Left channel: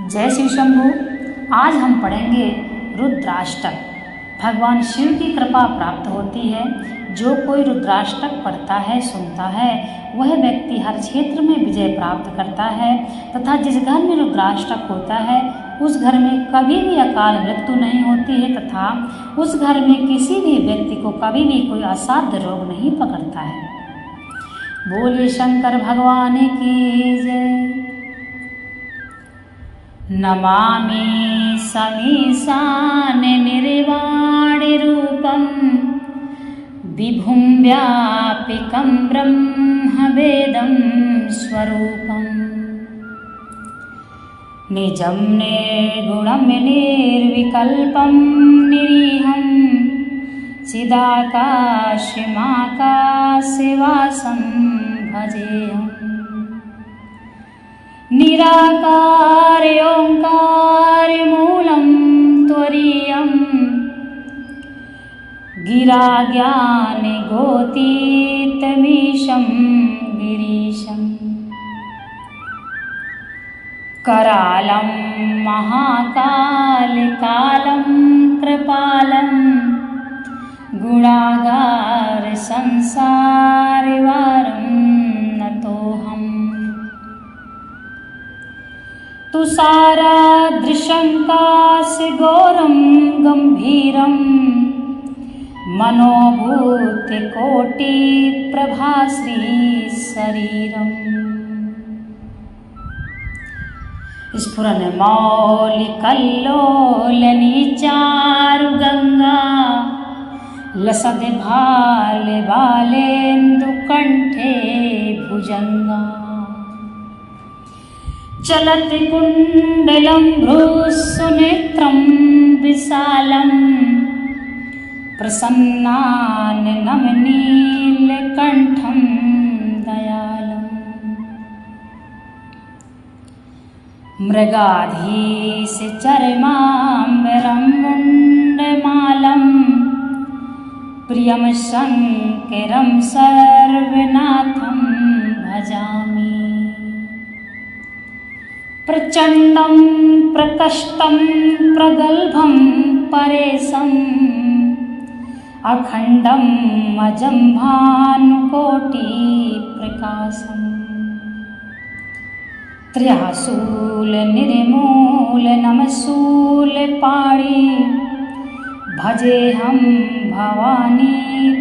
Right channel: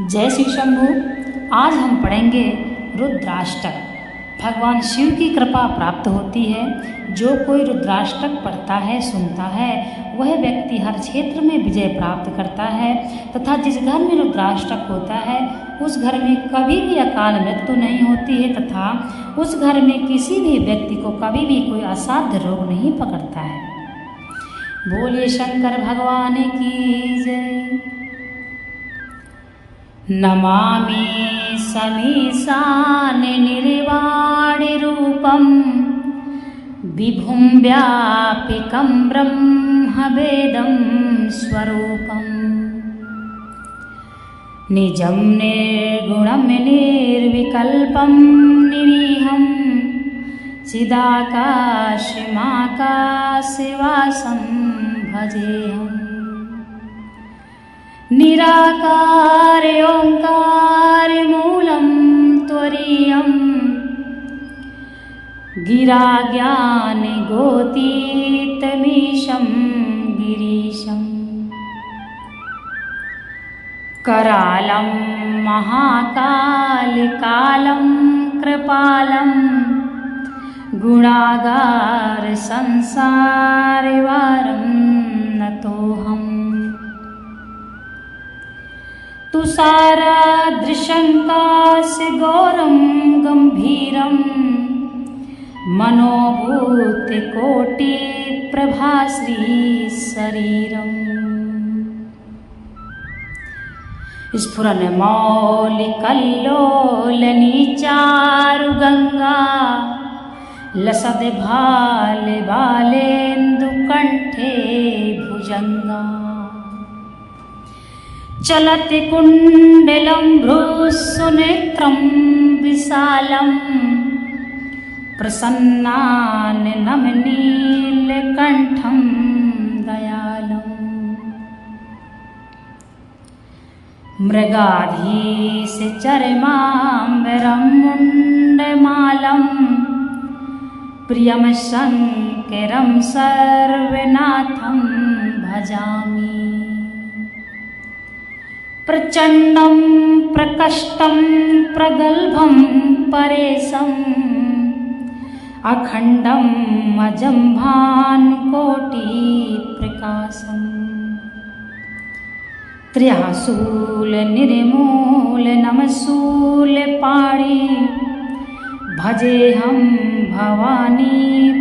जय शिव शंभू। आज हम पढ़ेंगे रुद्राष्टक। भगवान शिव की कृपा प्राप्त होती है। जो कोई रुद्राष्टक पढ़ता है, सुनता है, वह व्यक्ति हर क्षेत्र में विजय प्राप्त करता है तथा जिस घर में रुद्राष्टक होता है उस घर में कभी भी अकाल मृत्यु नहीं होती है तथा उस घर में किसी भी व्यक्ति को कभी भी कोई असाध्य रोग नहीं पकड़ता है। बोलिए शंकर भगवान की जय। नमामि समीशान निर्वाण रूपम विभुं व्यापिकं ब्रह्म वेदं स्वरूपम निजं निर्गुणं निर्विकल्पं निरीहं चिदाकाशमाकाशवासं भजेऽहम्। निराकार ओंकार मूलं त्वरीयं गिरा ज्ञान गोतीतमीशं गिरीशं करालं महाकाल कालं कृपालं गुणागार संसारवारं नतोऽहम्। तुषाराद्रिशङ्काशगौरं गम्भीरं मनोभूतकोटिप्रभाश्रीशरीरम् स्फुरन्मौलिकल्लोलनीचारुगङ्गा लसद्भालबालेन्दुकण्ठे भुजङ्गा चलति कुण्डलं भ्रूसुनेत्रं विशालं प्रसन्नाननमनीलकण्ठं दयालुम्। मृगाधीशचर्माम्बरं मुण्डमालं प्रियं शङ्करं सर्वनाथं भजामि। प्रचण्डं प्रकष्टं प्रगल्भं परेशम् अखण्डं अजं भानुकोटिप्रकाशम् त्र्यशूलनिर्मूलनमशूलपाणि भजेऽहं भवानी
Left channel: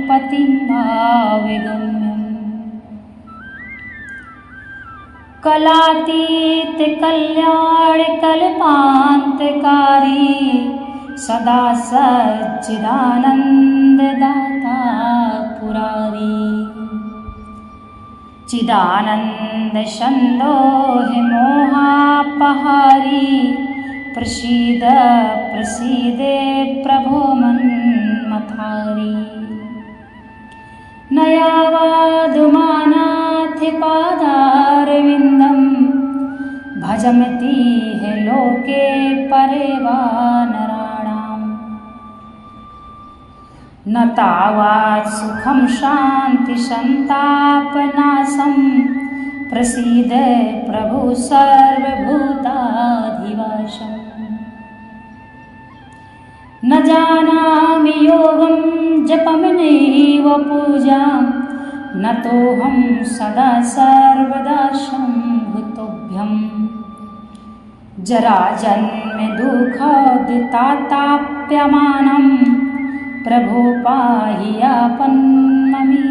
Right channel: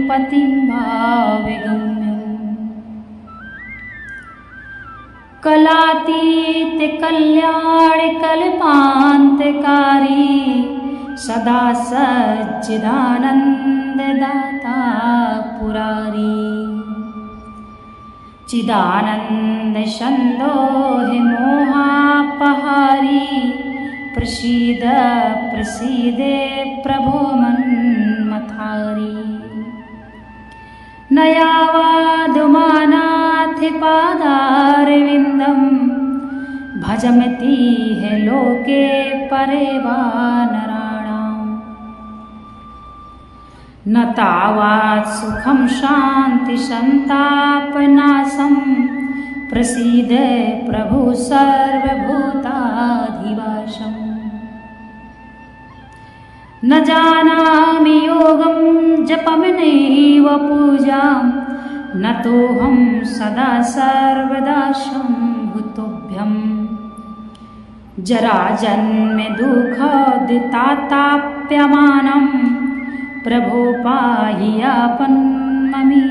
पतिं भावगम्यम्। कलातीत कल्याण कल्पान्तकारी सदा सच्चिदानंद दाता पुरारी चिदानंद संदोह मोहापहारी प्रसीद प्रसीदे प्रभो मन्मथारी। नयावाधुमानाथ पादारविन्दं भजमतीह लोके परे वा नराणाम्। न तावत् सुखं शान्ति संतापनाशं प्रसीद प्रभु सर्वभूताधिवासम्। न जानामि योगं जपमेव पूजां न तोऽहं सदा सर्वदा शम्भुतोभ्यम्। जराजन्म दुःखोदिताताप्यमानं प्रभो पाहि आपन्नमीसामि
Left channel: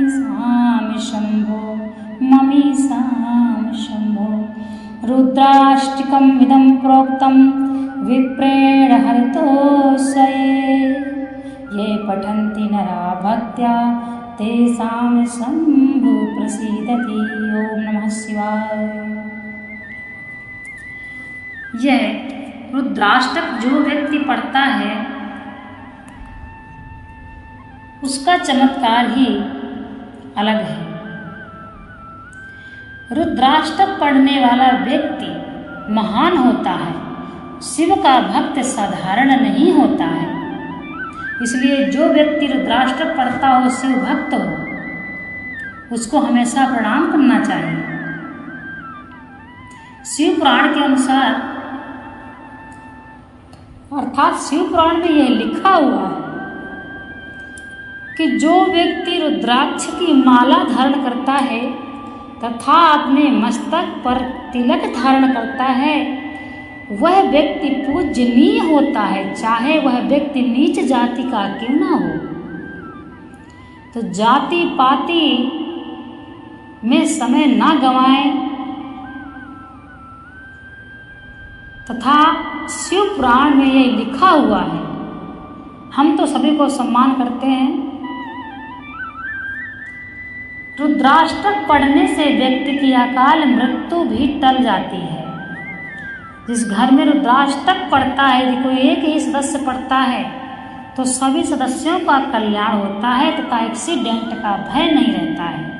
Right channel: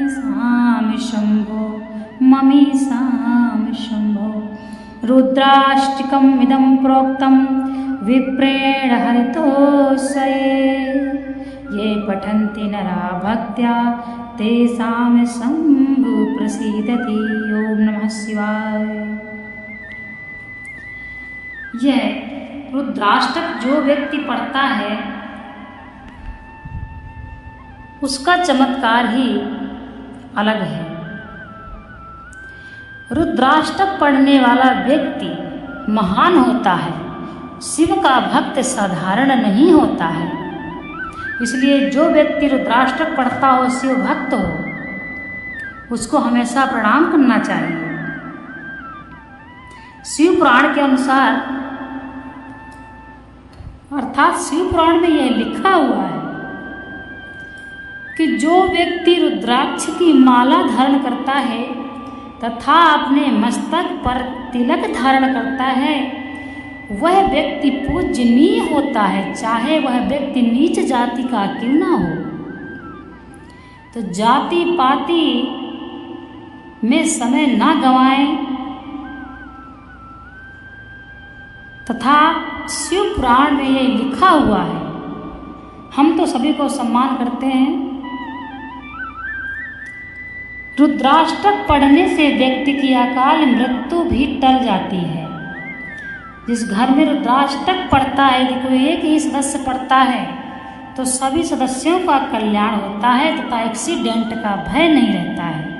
शम्भो ममीसामि शम्भो। रुद्राष्टकमिदं प्रोक्तं विप्रेण हरितोषये ये पठन्ति नरा भक्त्या तेषां शम्भु प्रसीदति। ओम नमः शिवाय। यह रुद्राष्टक जो व्यक्ति पढ़ता है उसका चमत्कार ही अलग है। रुद्राष्टक पढ़ने वाला व्यक्ति महान होता है। शिव का भक्त साधारण नहीं होता है। इसलिए जो व्यक्ति रुद्राष्टक पढ़ता हो, शिव भक्त हो, उसको हमेशा प्रणाम करना चाहिए। शिव पुराण के अनुसार अर्थात शिव पुराण में यह लिखा हुआ है कि जो व्यक्ति रुद्राक्ष की माला धारण करता है तथा अपने मस्तक पर तिलक धारण करता है, वह व्यक्ति पूजनीय होता है, चाहे वह व्यक्ति नीच जाति का क्यों ना हो। तो जाति पाति में समय ना गंवाएं तथा शिव पुराण में ये लिखा हुआ है। हम तो सभी को सम्मान करते हैं। रुद्राष्टक पढ़ने से व्यक्ति की अकाल मृत्यु भी टल जाती है। जिस घर में रुद्राष्टक पढ़ता है, यदि कोई एक ही सदस्य पढ़ता है तो सभी सदस्यों का कल्याण होता है तथा एक्सीडेंट का भय नहीं रहता है।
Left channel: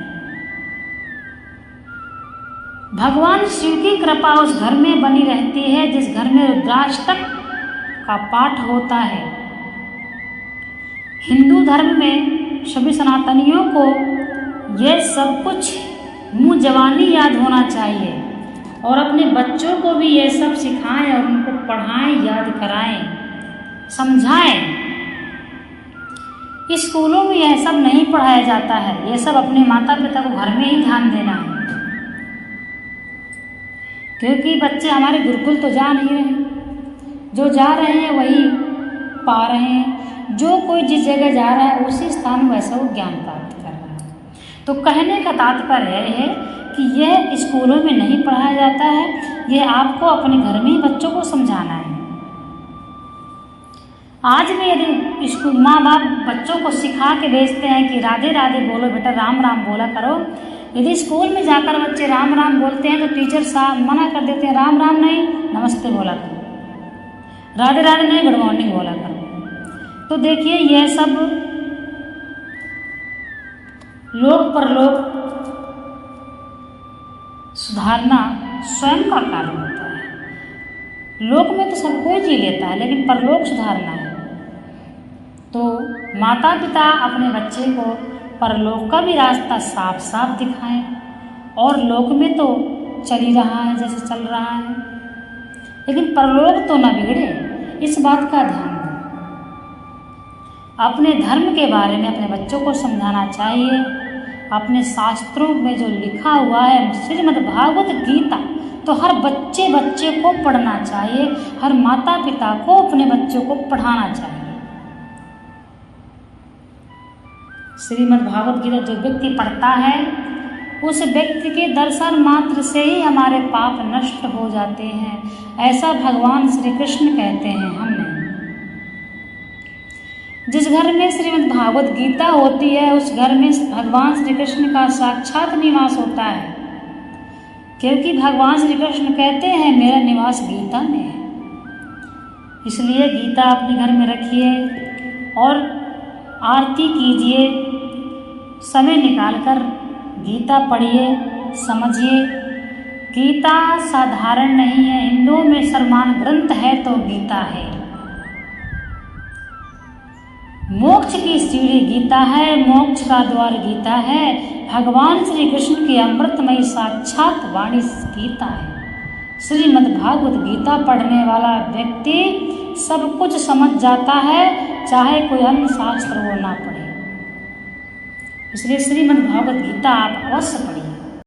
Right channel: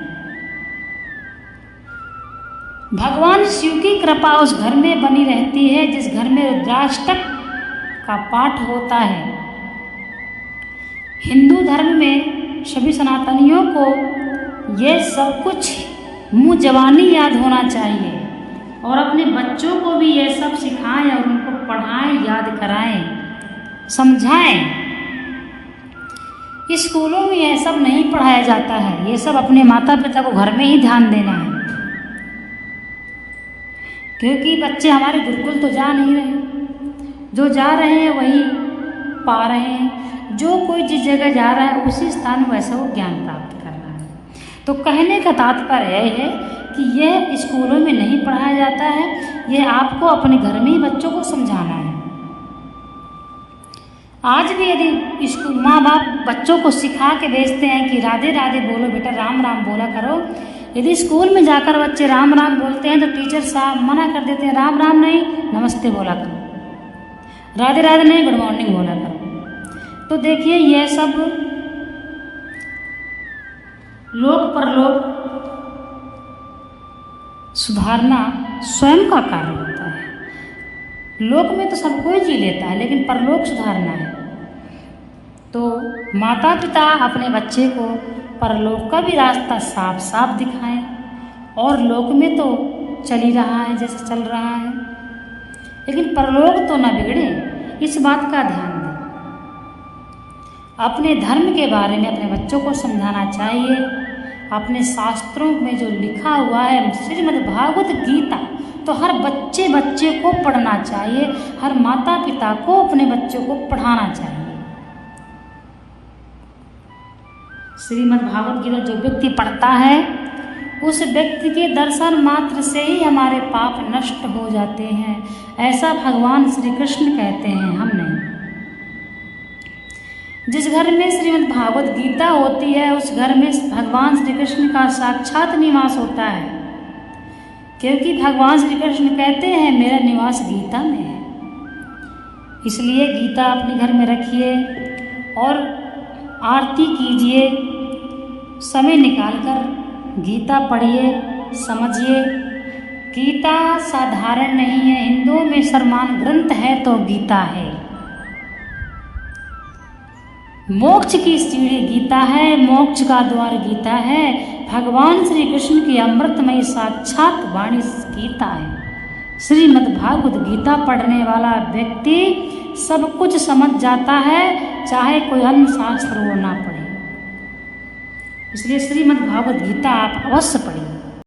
भगवान शिव की कृपा उस घर में बनी रहती है जिस घर में रुद्राष्टक का पाठ होता है। हिंदू धर्म में सभी सनातनियों को यह सब कुछ मुँह जबानी याद होना चाहिए और अपने बच्चों को भी यह सब सिखाएं और उनको पढ़ाएं, याद कराएं, समझाएं। स्कूलों में यह सब नहीं पढ़ाया जाता है। ये सब अपने माता पिता को घर में ही ध्यान देना है, क्योंकि बच्चे हमारे गुरुकुल तो जा नहीं रहे। जो जा रहे हैं वही पा रहे हैं। जो कोई जिस जगह जा रहा है उसी स्थान में वैसा वो ज्ञान प्राप्त कर रहा है। तो कहने का तात्पर्य है कि यह स्कूलों में नहीं पढ़ाया जाता है, यह आपको अपने घर में ही बच्चों को समझाना है। आज भी यदि स्कूल माँ बाप बच्चों को सिखा के भेजते हैं कि राधे राधे बोलो बेटा, राम राम बोला करो, यदि स्कूल में जाकर बच्चे राम राम बोलते हैं तो टीचर साहब मना कर देते हैं, राम राम नहीं नमस्ते बोला करो, राधे राधे नहीं गुड मॉर्निंग बोला करो। तो देखिए यह सब लोक परलोक सुधारना स्वयं का कार्य होता है। लोक में तो सब कोई जी लेता है, लेकिन परलोक सुधारना है। तो माता पिता अपने बच्चे को परलोक का भी रास्ता साफ साफ दिखाएं, और लोक में तो चल ही रहा है जैसे चल रहा है, लेकिन परलोक तो न बिगड़े, इस बात का ध्यान दें। अपने धर्म के बारे में अपने बच्चों को समझाना चाहिए। अपने शास्त्रों में जो लिखा हुआ है श्रीमद् भागवत गीता, तो हर बच्चे को पढ़ना चाहिए, हर माता पिता को अपने बच्चों को पढ़ाना चाहिए। श्रीमद् भागवत गीता जो व्यक्ति पढ़ता है उस व्यक्ति के दर्शन मात्र से ही हमारे पाप नष्ट हो जाते हैं, ऐसा भगवान श्री कृष्ण कहते हैं। हम नहीं। जिस घर में श्रीमद् भागवत गीता होती है उस घर में भगवान श्री कृष्ण का साक्षात निवास होता है, क्योंकि भगवान श्री कृष्ण कहते हैं मेरा निवास गीता में है। इसलिए गीता अपने घर में रखिए और आरती कीजिए, समय निकालकर गीता पढ़िए, समझिए। गीता साधारण नहीं है, हिंदुओं में सर्वमान्य ग्रंथ है तो गीता है। मोक्ष की सीढ़ी गीता है, मोक्ष का द्वार गीता है। भगवान श्री कृष्ण की अमृतमय साक्षात वाणी गीता है। श्रीमद् भागवत गीता पढ़ने वाला व्यक्ति सब कुछ समझ जाता है, चाहे कोई अन्य शास्त्र वो ना पढ़े। इसलिए श्रीमद् भागवत गीता आप अवश्य पढ़िए।